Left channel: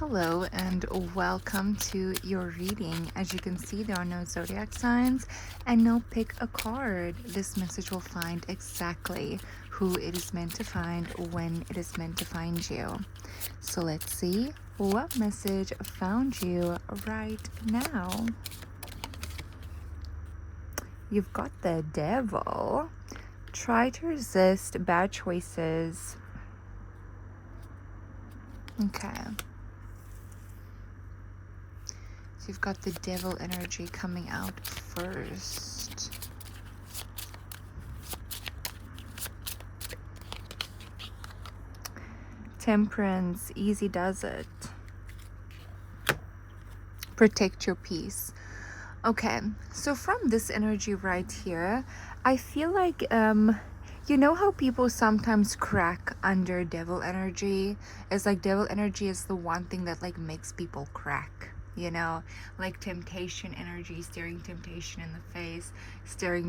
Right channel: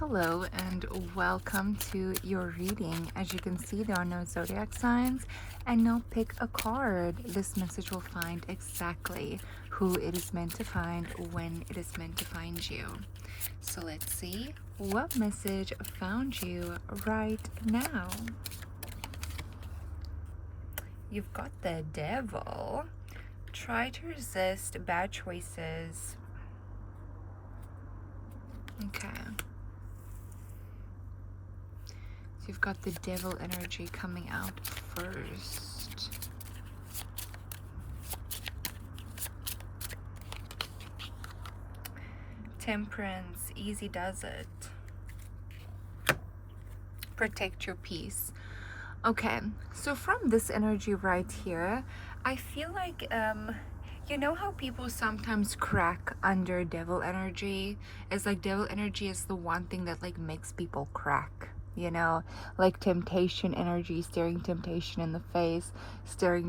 Hello and welcome to your reading. As you can see, there are no zodiac signs and no pick a card. This message will find exactly who it is meant to find when it is meant to find you. So let's see what message found you right now. You've got the Devil. Try to resist bad choices. Okay. So you've got the Devil energy coming out first. Temperance, easy does it. Protect your peace. Okay, so from this energy right here, I feel like you know how people sometimes crack under Devil energy? It's like Devil energy is the one thing that like makes people crack. You know, like temptation energy, staring temptation in the face, staring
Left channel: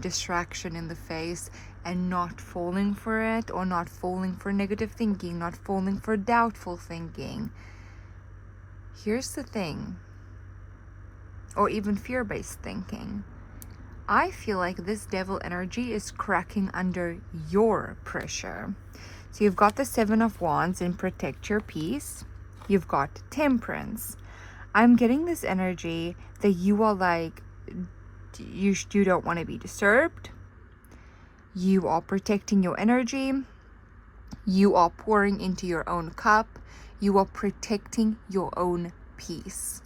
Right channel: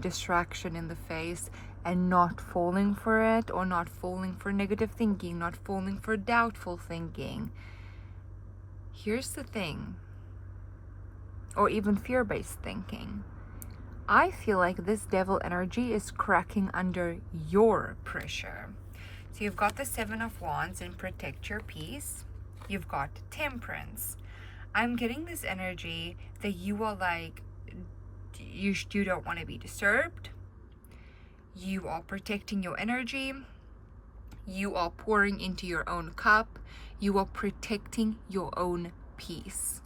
distraction in the face, and not falling for it, or not falling for negative thinking, not falling for doubtful thinking. Here's the thing, or even fear-based thinking. I feel like this Devil energy is cracking under your pressure. So you've got the Seven of Wands and protect your peace. You've got Temperance. I'm getting this energy that you are like, you don't want to be disturbed. You are protecting your energy. You are pouring into your own cup. You are protecting your own peace.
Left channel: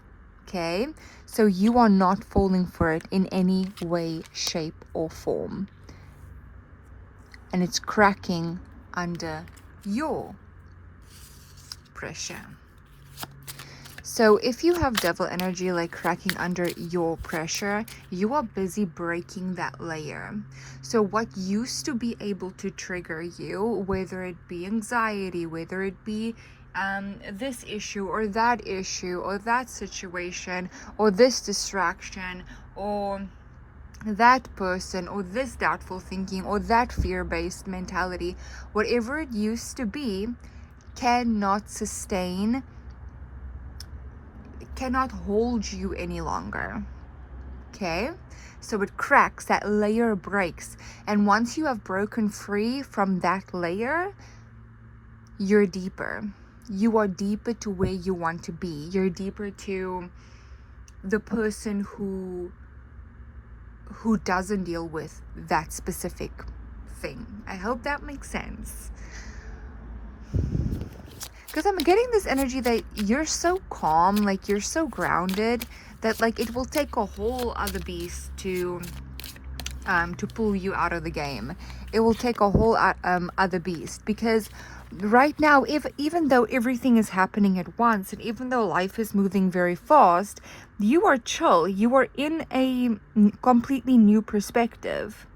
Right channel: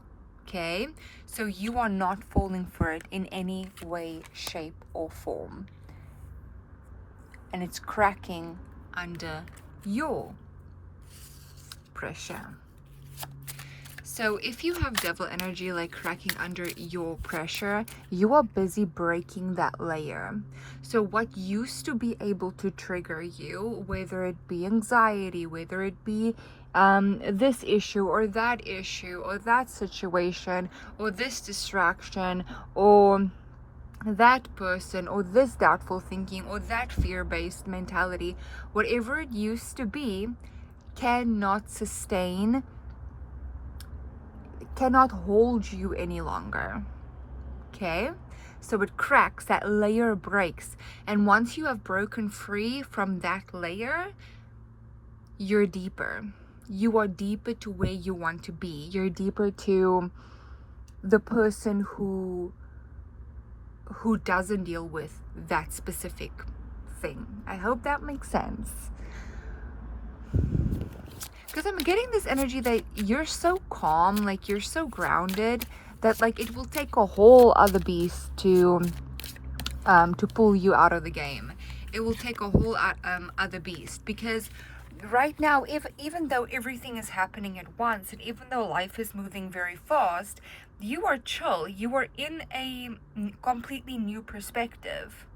Okay? So you are not falling for it in any way, shape, or form. And it's cracking under your pressure. So if you have Devil energy like cracking under your pressure, you are busy breaking that layer. So what used to be able to trigger you, whether it be anxiety, whether it be this issue or that situation or this distraction or that person or this doubtful thinking or that fear-based mentality, whatever it used to be, cannot hold you any longer. Okay, so it cracks, that layer breaks, and once you have broken free from that layer, you're deeper. You are deeper to where you want to be. You're deeper to the person who doesn't deal with that specific thing. I hope that makes sense. Because I'm getting this energy that you're so calm, like you're so grounded, that like it will take a whole other beast to pull you out of the game. It will take a whole other beast, because right now, even though everything is happening at once, and even though life is moving very fast, you are chill. You are in a completely new perspective.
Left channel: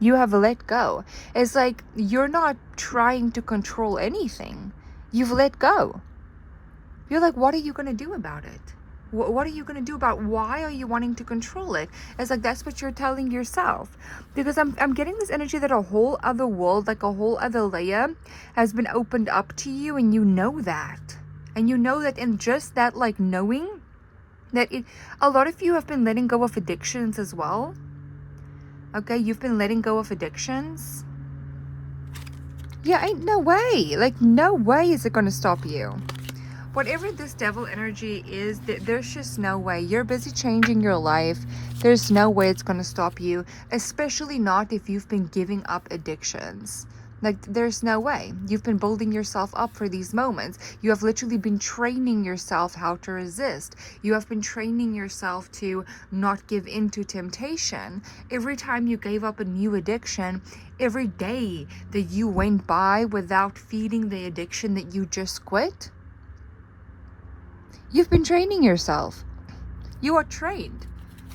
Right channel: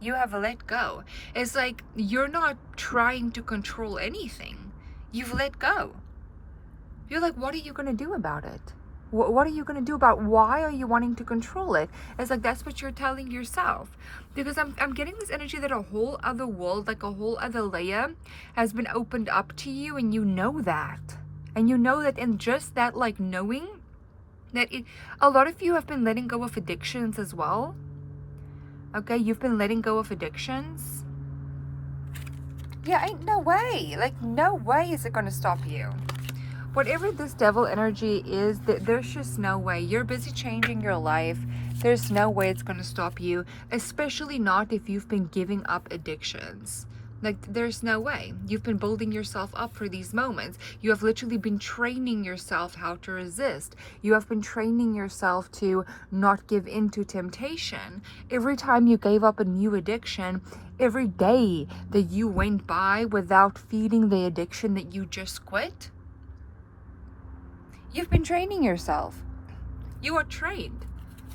You have let go. It's like you're not trying to control anything. You've let go. You're like, what are you going to do about it? What are you going to do about why are you wanting to control it? It's like that's what you're telling yourself. Because I'm getting this energy that a whole other world, like a whole other layer has been opened up to you, and you know that. And you know that, and just that like knowing that a lot of you have been letting go of addictions as well. Okay, you've been letting go of addictions. Yeah, ain't no way. Like, no way is it going to stop you. Whatever this Devil energy is, there's just no way. You're busy changing your life. There's no way it's going to stop you, especially not if you've been giving up addictions. Like, there's no way. You've been building yourself up for these moments. You have literally been training yourself how to resist. You have been training yourself to not give in to temptation. Every time you gave up a new addiction, every day that you went by without feeding the addiction that you just quit, you've been training yourself. You are trained.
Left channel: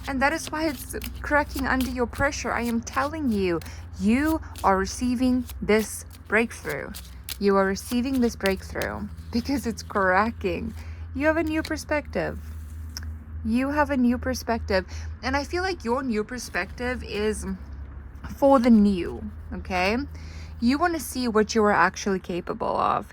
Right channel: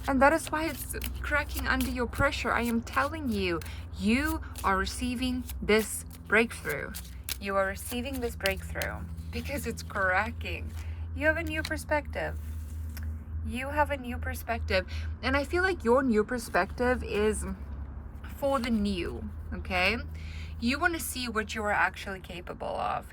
And that is why it's cracking under your pressure. I am telling you, you are receiving this breakthrough. You are receiving this breakthrough because it's cracking. You have a new perspective. You have a new perspective. And I feel like your new perspective is for the new, okay? You want to see what you are actually capable of.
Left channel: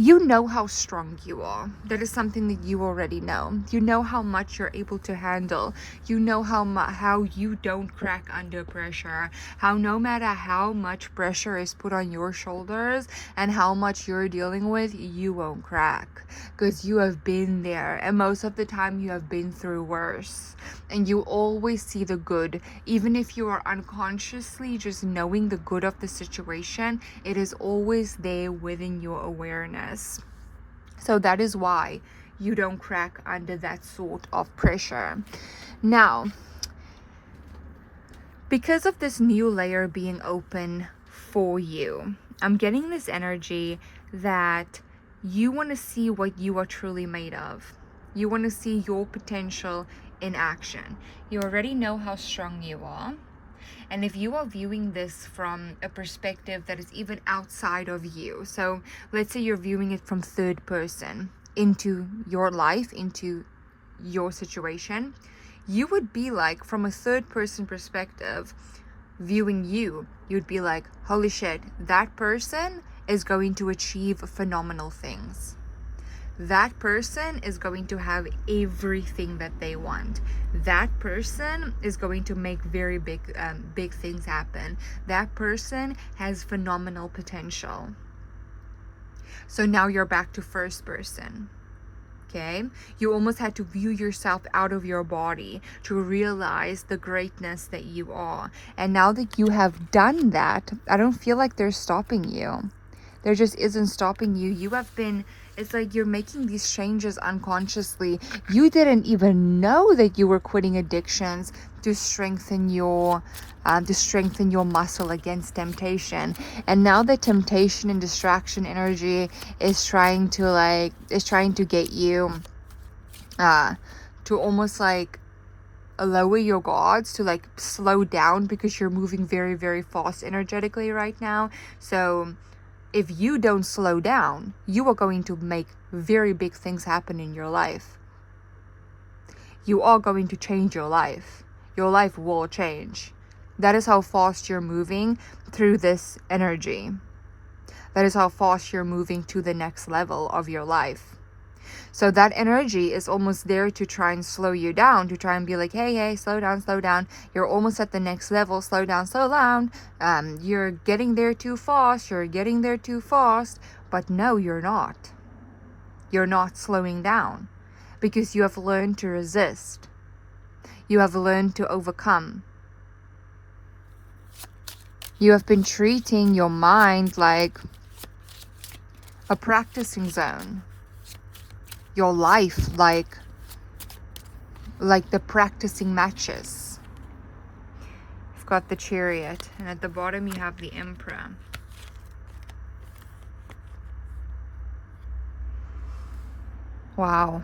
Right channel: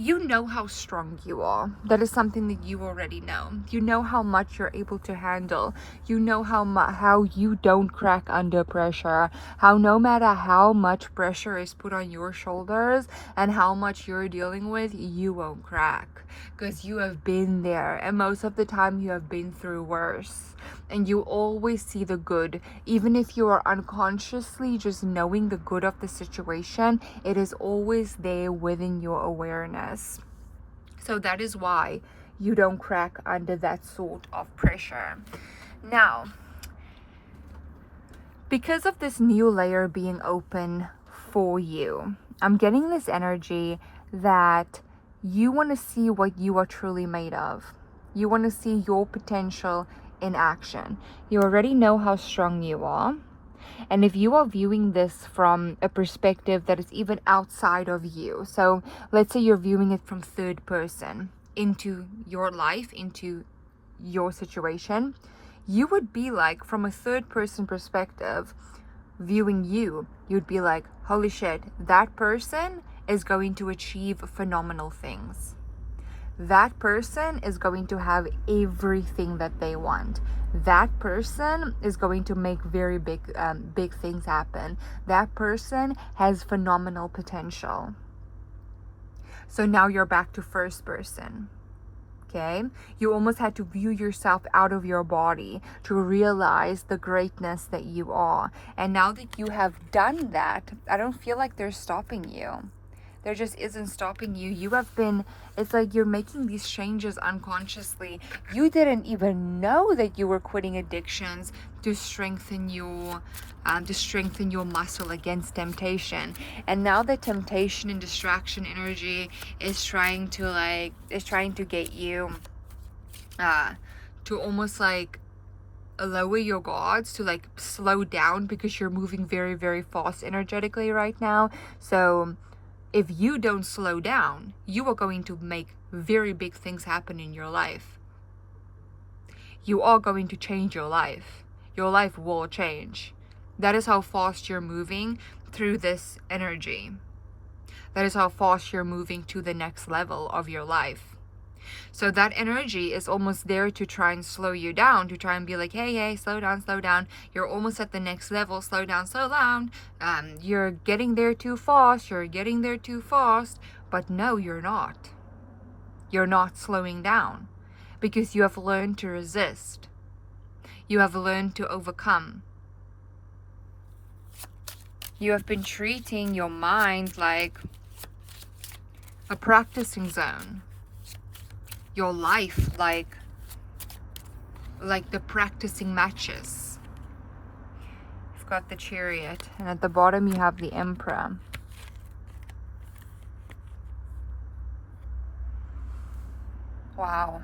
you know how strong you are. That is something that you already know. You know how much you're able to handle. You know how you don't crack under pressure. How no matter how much pressure is put on your shoulders and how much you're dealing with, you won't crack. Because you have been there, and most of the time you have been through worse. And you always see the good. Even if you are unconsciously just knowing the good of the situation, it is always there within your awareness. So that is why you don't crack under that sort of pressure. Now, because of this new layer being open for you, I'm getting this energy that you want to see what you are truly made of. You want to see your potential in action. You already know how strong you are. And if you are viewing this from a perspective that is even outside of you, so let's say you're viewing it from third person into your life, into your situation, you would be like, from a third person perspective, viewing you, you'd be like, holy shit, that person is going to achieve phenomenal things. That person is going to have everything that they want. That person is going to make very big things happen. That person has phenomenal potential. So now you're back to first person. Okay, you almost had to view yourself out of your body to realize the greatness that you are. And now that you have done that, I don't feel like they're stopping you. There just isn't stopping you. You have been, it's like you're making these changes unconsciously. You didn't even know that you were quitting addictions to strengthen your muscle against temptation. And now the temptation and distraction energy is trying to get you to almost like lower your guards, to like slow down, because you're moving very, very fast energetically right now. So if you don't slow down, you are going to make very big things happen in your life. You are going to change your life. Your life will change. That is how fast you're moving through this energy. That is how fast you're moving to the next level of your life. So that energy is almost there to try and slow you down, to try and be like, hey, slow down. You're almost at the next level. Slow down. You're getting there too fast. But no, you're not. You're not slowing down, because you have learned to resist. You have learned to overcome. You have been treating your mind like a practicing zone. Your life like the practicing matches. You've got the Chariot, and at the bottom you have the Emperor. Wow.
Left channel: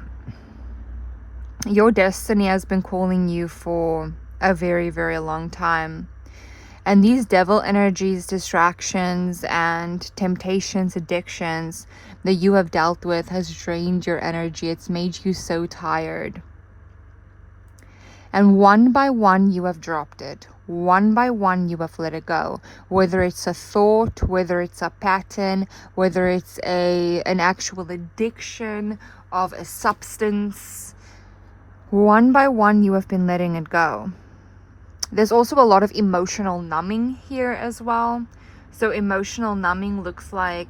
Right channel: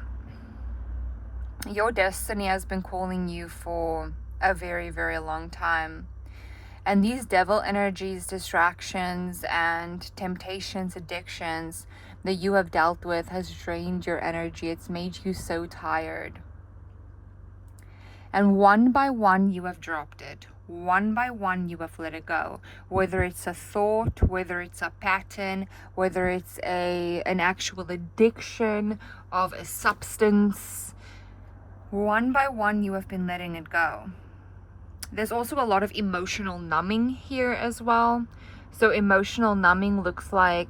Your destiny has been calling you for a very, very long time. And these devil energies, distractions, and temptations, addictions that you have dealt with has drained your energy. It's made you so tired. And one by one, you have dropped it. One by one, you have let it go. Whether it's a thought, whether it's a pattern, whether it's an actual addiction of a substance, one by one, you have been letting it go. There's also a lot of emotional numbing here as well. So emotional numbing looks like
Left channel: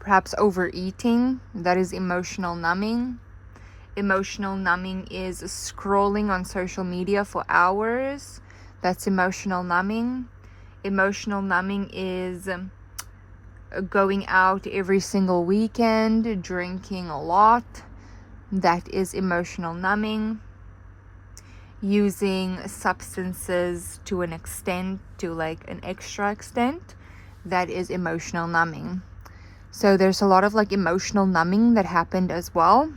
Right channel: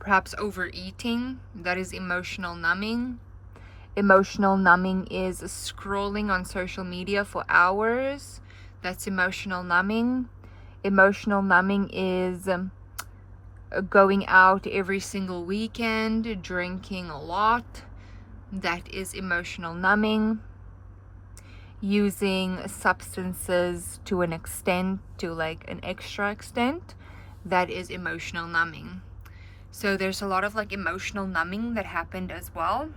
perhaps overeating. That is emotional numbing. Emotional numbing is scrolling on social media for hours. That's emotional numbing. Emotional numbing is going out every single weekend, drinking a lot. That is emotional numbing. Using substances to an extent, to like an extra extent, that is emotional numbing. So there's a lot of like emotional numbing that happened as well.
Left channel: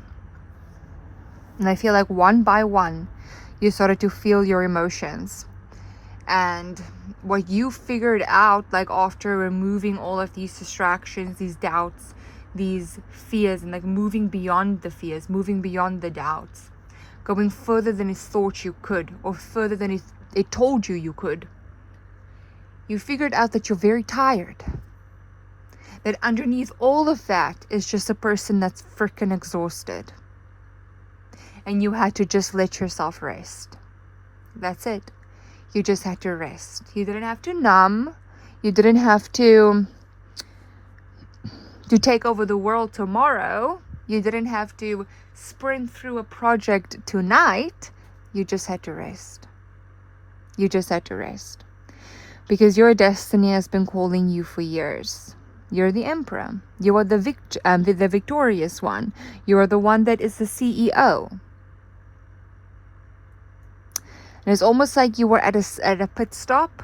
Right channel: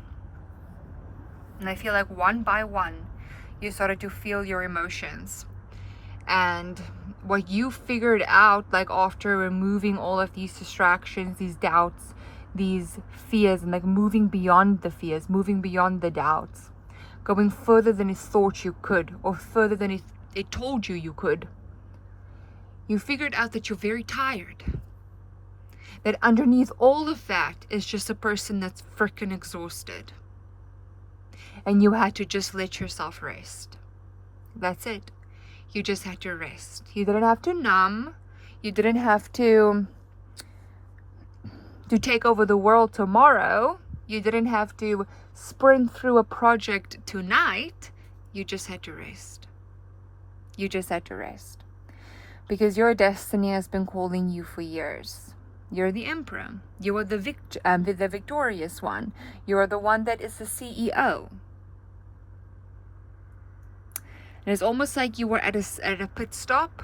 And I feel like one by one, you started to feel your emotions. And what you figured out, like after removing all of these distractions, these doubts, these fears, and like moving beyond the fears, moving beyond the doubts, going further than it thought you could, or further than it told you could. You figured out that you're very tired. that underneath all of that is just a person that's freaking exhausted. And you had to just let yourself rest. That's it. You just had to rest. You didn't have to numb. You didn't have to take over the world tomorrow. You didn't have to sprint through a project tonight. You just had to rest. You just had to rest. Because your destiny has been calling you for years. You're the emperor. You are the victorious one. You are the one that is the CEO. And it's almost like you were at a pit stop,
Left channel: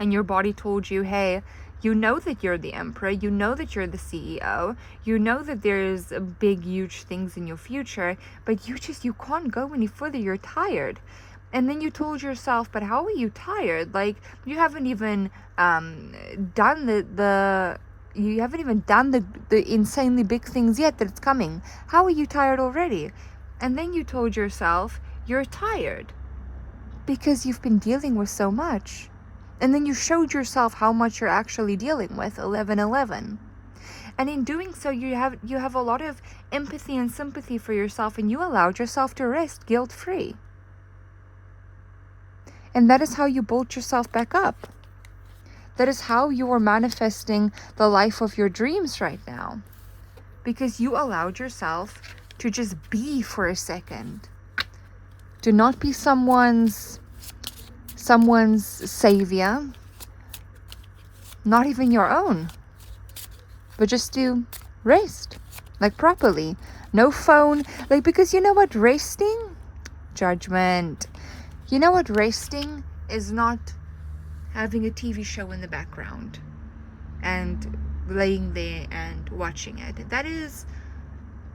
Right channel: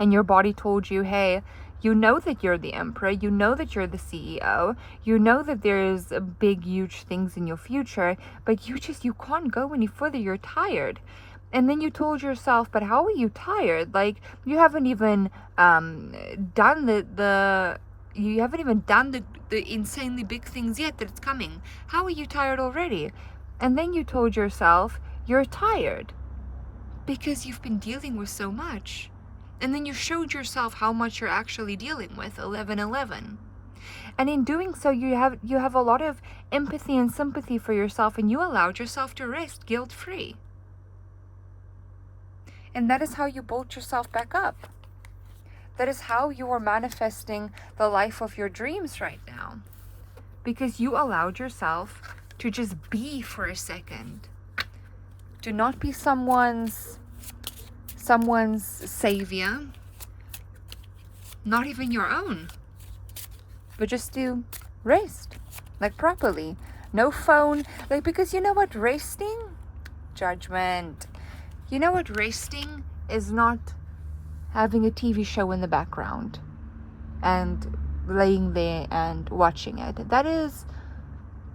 and your body told you, hey, you know that you're the emperor, you know that you're the CEO, you know that there's big, huge things in your future, but you can't go any further, you're tired. And then you told yourself, but how are you tired? Like, you haven't even done the insanely big things yet that it's coming. How are you tired already? And then you told yourself, you're tired because you've been dealing with so much. And then you showed yourself how much you're actually dealing with, 1111. And in doing so, you have a lot of empathy and sympathy for yourself, and you allowed yourself to rest guilt-free. And that is how you built yourself back up. That is how you are manifesting the life of your dreams right now. Because you allowed yourself to just be for a second. Do not be someone's savior, not even your own, but just to rest, like properly. No phone, like, because you know what, resting, judgment. You know what, resting is not having a TV show in the background and laying there and watching it.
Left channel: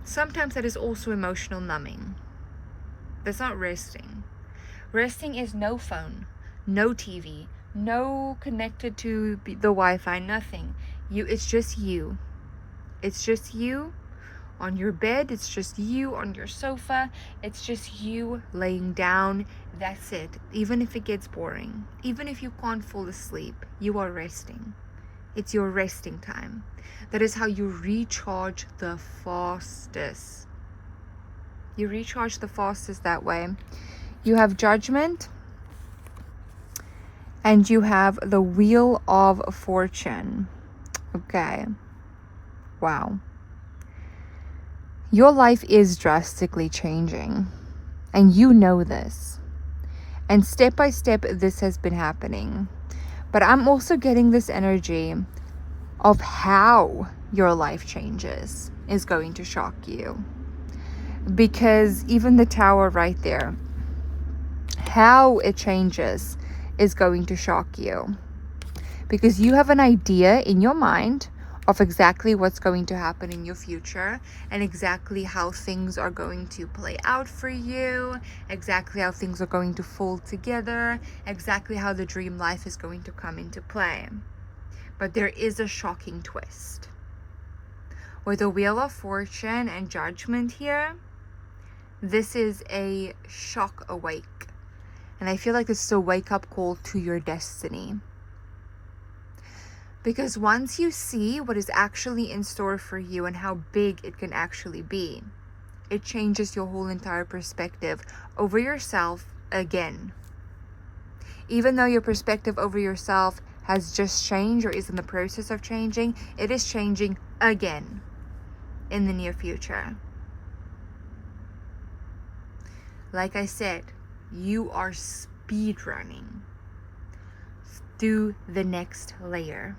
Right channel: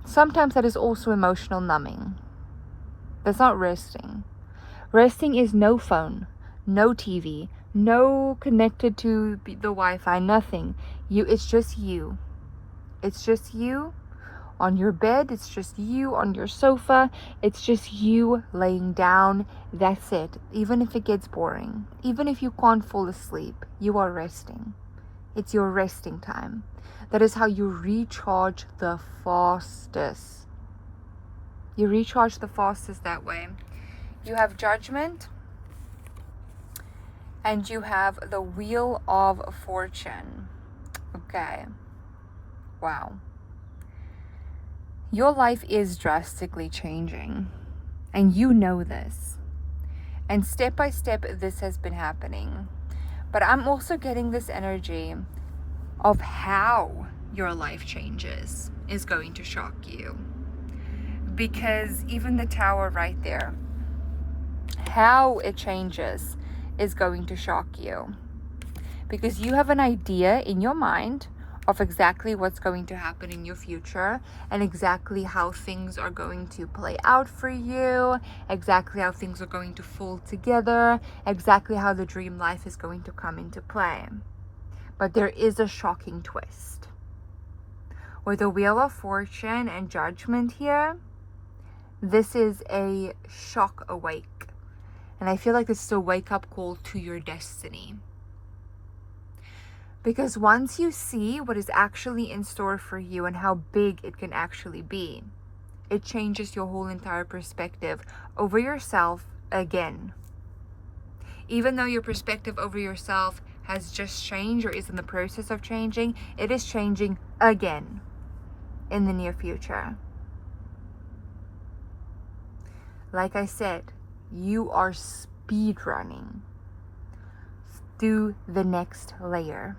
Sometimes that is also emotional numbing. That's not resting. Resting is no phone, no TV, no connected to the Wi-Fi, nothing. It's just you. It's just you on your bed. It's just you on your sofa. It's just you laying down. That's it. Even if it gets boring, even if you can't fall asleep, you are resting. It's your resting time. That is how you recharge the fastest. You recharge the fastest that way. You have judgment, and you have the Wheel of Fortune. Okay. Wow. Your life is drastically changing, and you know this. And step by step, this has been happening. But I'm also getting this energy of how your life changes is going to shock you. Because even the Tower right there, how it changes is going to shock you. Because you have an idea in your mind of exactly what's going to happen in your future, and exactly how things are going to play out for you, exactly how things are going to fall together, exactly how the dream life is going to come into play. But there is a shocking twist. With the Wheel of Fortune and Judgment here, this is a shock awake. And I feel like this is a wake-up call to your destiny. Because once you see what is actually in store for you and how big it can actually be, it changes your whole entire perspective over yourself again. Even though your perspective over yourself has just changed or is in the process of changing, it is changing again in the near future. Like I said, you are speed running through the next layer.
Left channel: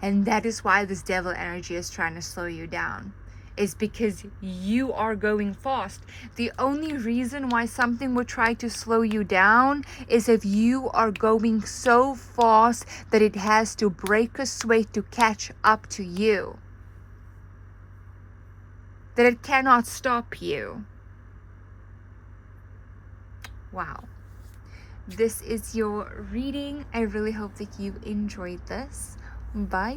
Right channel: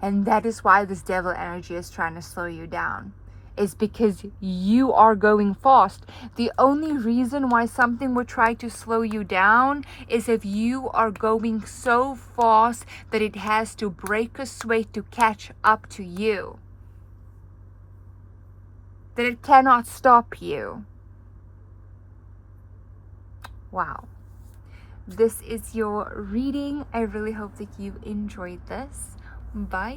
And that is why this devil energy is trying to slow you down. Is because you are going fast. The only reason why something would try to slow you down is if you are going so fast that it has to break a sweat to catch up to you. That it cannot stop you. Wow. This is your reading. I really hope that you enjoyed this. Bye.